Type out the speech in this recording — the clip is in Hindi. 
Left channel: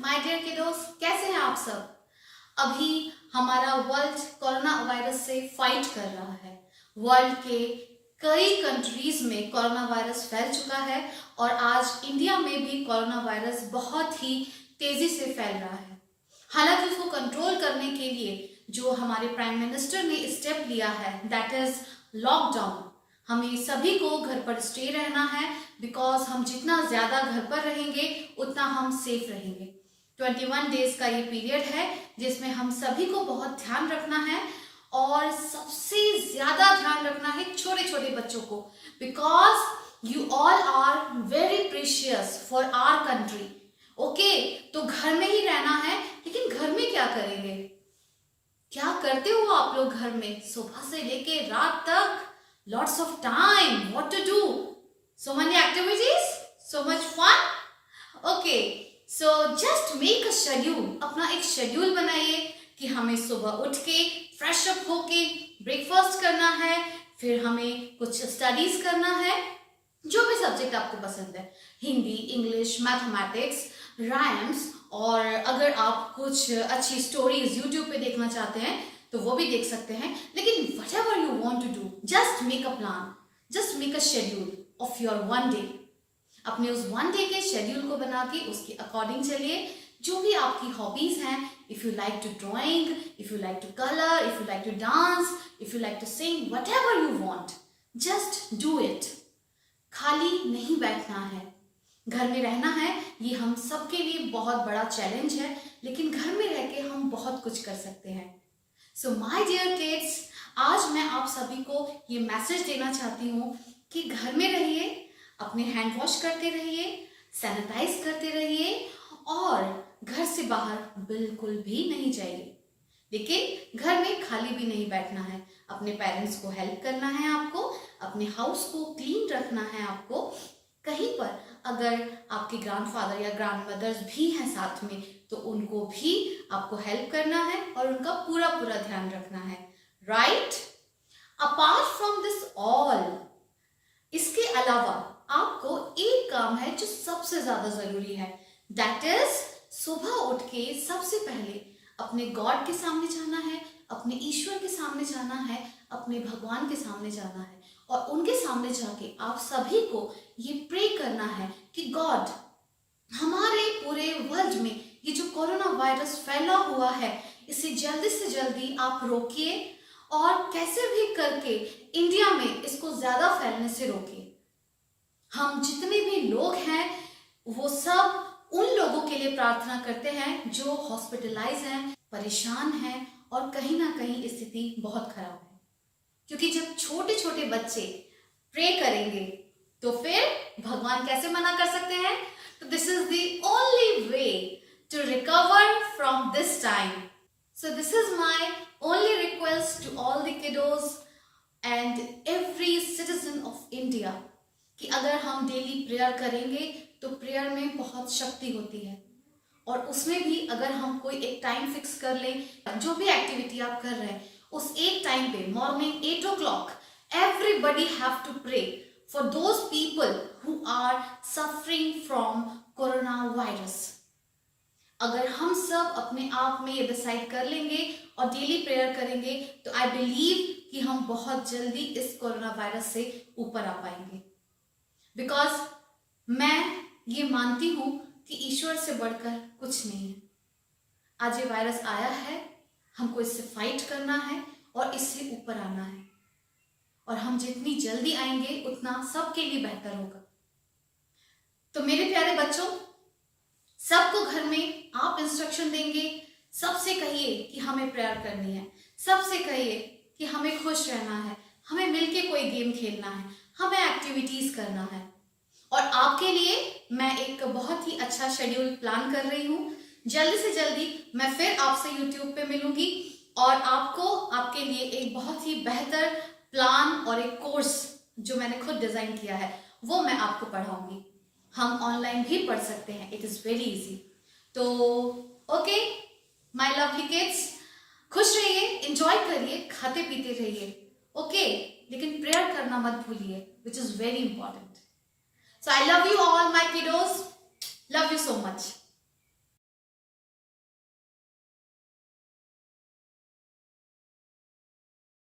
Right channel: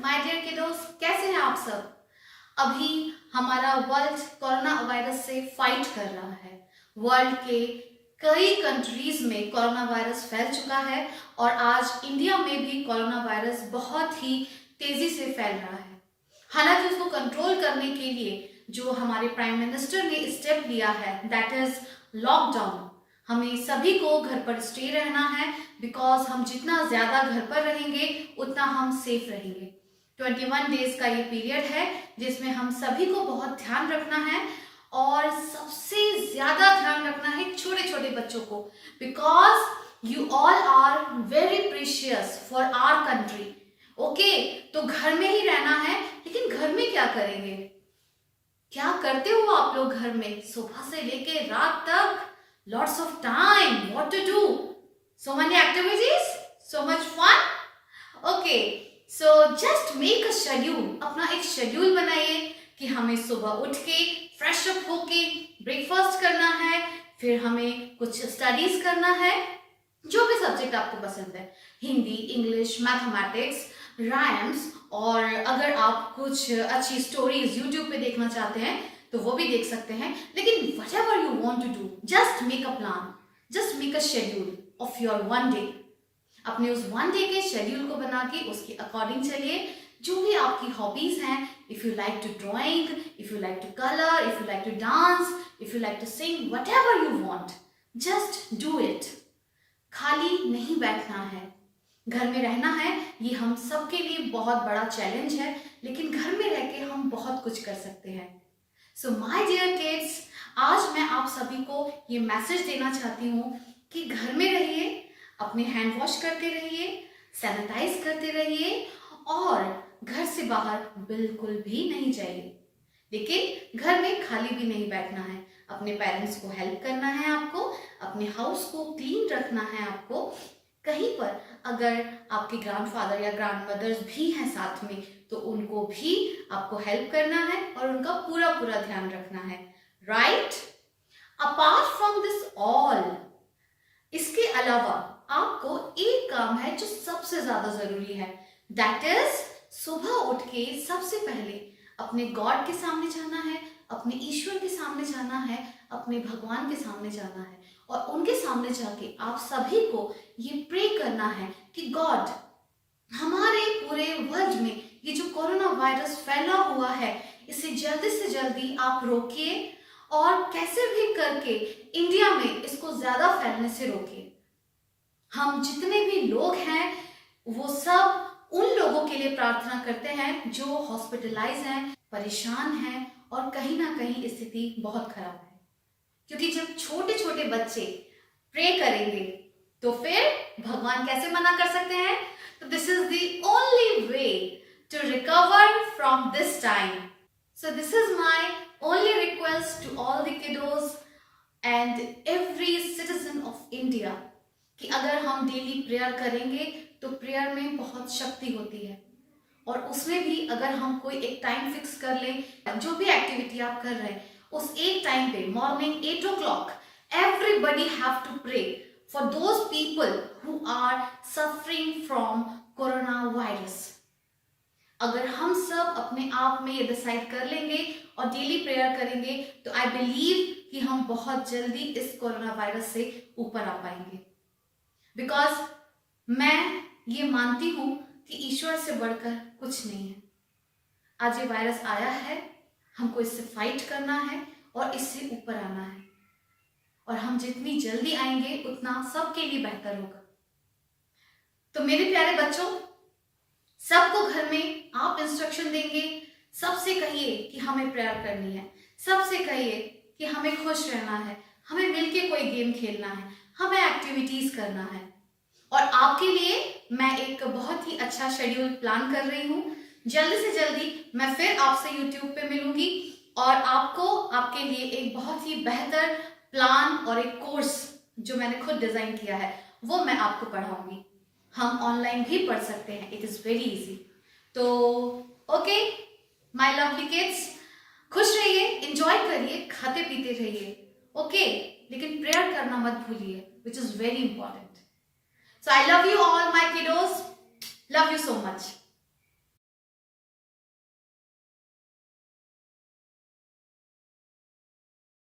माय डियर किडोस, कैसे हैं आप सब। अभी हमारा वर्ल्ड कोरोना वायरस से फाइट कर रहा है। वर्ल्ड के कई कंट्रीज में कोरोना वायरस फैल चुका है और आज इंडिया में भी कोरोना वायरस बहुत ही तेजी से फैल रहा है। हालांकि उसको कंट्रोल करने के लिए जो हमारे प्राइम मिनिस्टर ने स्टेप लिया है, दैट इज लॉकडाउन। हमें सभी को घर पर स्टे रहना है, बिकॉज हम जितना ज्यादा घर पर रहेंगे उतना हम सेफ रहेंगे। 21 डेज का ये पीरियड है जिसमें हम सभी को बहुत ध्यान रखना है और सबसे ज्यादा ध्यान रखना है छोटे छोटे बच्चों को, because you all are very precious for our country. Okay, तो घर में ही रहना है, लेकिन घर में क्या करेंगे, क्या करते हो आप लोग घर में सुबह से लेके रात तक? Lots of time, what to do? So many activities, so much fun. Okay, so just make a schedule. अपना एक शेड्यूल बनाइए कि हमें सुबह उठ के फ्रेश अप होके ब्रेकफास्ट करना है, फिर हमें कुछ स्टडीज करना है, जो भी सब्जेक्ट आपको पसंद है, हिंदी, इंग्लिश, मैथमेटिक्स, राइम्स, और अगर आप कुछ अच्छी स्टोरीज यूट्यूब पे देखना चाहते हैं तो वो भी देख सकते हैं। लेकिन whatever you want to do, just make a plan, just make a schedule of your one day. अपने उस वन डे के शेड्यूल को बना के उसके अकॉर्डिंग चलिए। जो भी आपकी हॉबीज हैं, if you like to drawing, if you like to colour, if you like to dance, if you like to sing, whatever you want, just do it. खाली नहीं बैठना है, घर में रहना है। ये हम सबके लिए बहुत बड़ा चैलेंज है, लेकिन घर में रह के हम बहुत कुछ कर सकते हैं। सो माय डियर किड्स, आज मैं आप सभी को ये मैसेज देना चाहती हूँ कि घर में रहिए, अपने हैंड वॉश करते रहिए, सैनिटाइज करते रहिए और घर से बाहर बिल्कुल भी नहीं जाइए। लेकिन घर में खाली भी नहीं बैठना है, अपने पेरेंट्स को हेल्प करना है आपको, अपने हाउस को क्लीन रखना है आपको। कहीं पर अगर आपके ग्रैंडफादर या ग्रैंडमदर्स भी हैं साथ में तो उनको भी आपको हेल्प करना है और उनका पूरा पूरा ध्यान रखना है, right? Apart from this all, इसके अलावा आपको एक काम है जो सबसे ज्यादा जरूरी है, दैट इज सुबह उठ के सबसे पहले अपने गॉड के सामने जाना है, अपने ईश्वर के सामने जाना है, अपने भगवान के सामने जाना है और उनके सामने जाके आप सभी को ये प्रे करना है कि गॉड, हमारे पूरे वर्ल्ड में ये जो कोरोना वायरस फैला हुआ है इसे जल्दी से जल्दी आप रोकिए और कैसे भी करके इंडिया में इसको ज्यादा फैलने से रोकिए। हम जितने भी लोग हैं वो सब उन लोगों के लिए प्रार्थना करते हैं जो हॉस्पिटलाइज हैं, परेशान हैं और कहीं ना कहीं स्थिति बहुत खराब है, क्योंकि जब छोटे छोटे बच्चे प्रे करेंगे तो फिर भगवान कैसे मना कर सकते हैं? तो this is the only way to recover from this time. So this is my only request to all the kiddos and every citizen of India कि अगर हम डेली प्रेयर करेंगे तो प्रेयर में बहुत शक्ति होती है और उसमें भी अगर हम कोई एक टाइम फिक्स कर लें, जो भी एक्टिविटी आप कर रहे हैं उस एक टाइम पे morning 8 o'clock everybody have to pray for those people who are suffering from coronavirus. अगर हम सब अपने आप में ये डिसाइड कर लेंगे और डेली प्रेयर करेंगे तो आई बिलीव कि हम बहुत जल्दी इस कोरोना वायरस से ऊपर आ पाएंगे, बिकॉज मैं ये मानती हूं कि ईश्वर से बढ़कर कुछ नहीं है। आज ये वायरस आया है, हमको इससे फाइट करना है और इससे ऊपर आना है और हम जितनी जल्दी आएंगे उतना सबके लिए बेहतर होगा। तो मेरे प्यारे बच्चों, सबको घर में आप इंस्ट्रक्शन देंगे, सबसे कहिए कि हमें प्रेयर करनी है, सबसे कहिए कि हमें खुश रहना है, हमें मिलके कोई गेम खेलना है, हमें एक्टिविटीज करना है। और आपके लिए मैं एक बहुत ही अच्छा शेड्यूल प्लान कर रही हूँ। जल्दी से जल्दी मैं फिर आपसे यूट्यूब पे मिलूंगी और आपको आपके लिए एक बहुत ही बेहतर प्लान और एक कोर्स जो मैंने खुद डिजाइन किया है वो मैं आपको पढ़ाऊंगी। हम ऑनलाइन भी पढ़ सकते हैं, इट इज वेरी इजी। तो ओके माय लवली किड्स, खुश रहिए, एंजॉय करिए, खाते पीते रहिए, ओके? लेकिन प्रेयर करना मत भूलिए, which is very important. So I love you all my kiddos. Love you so much.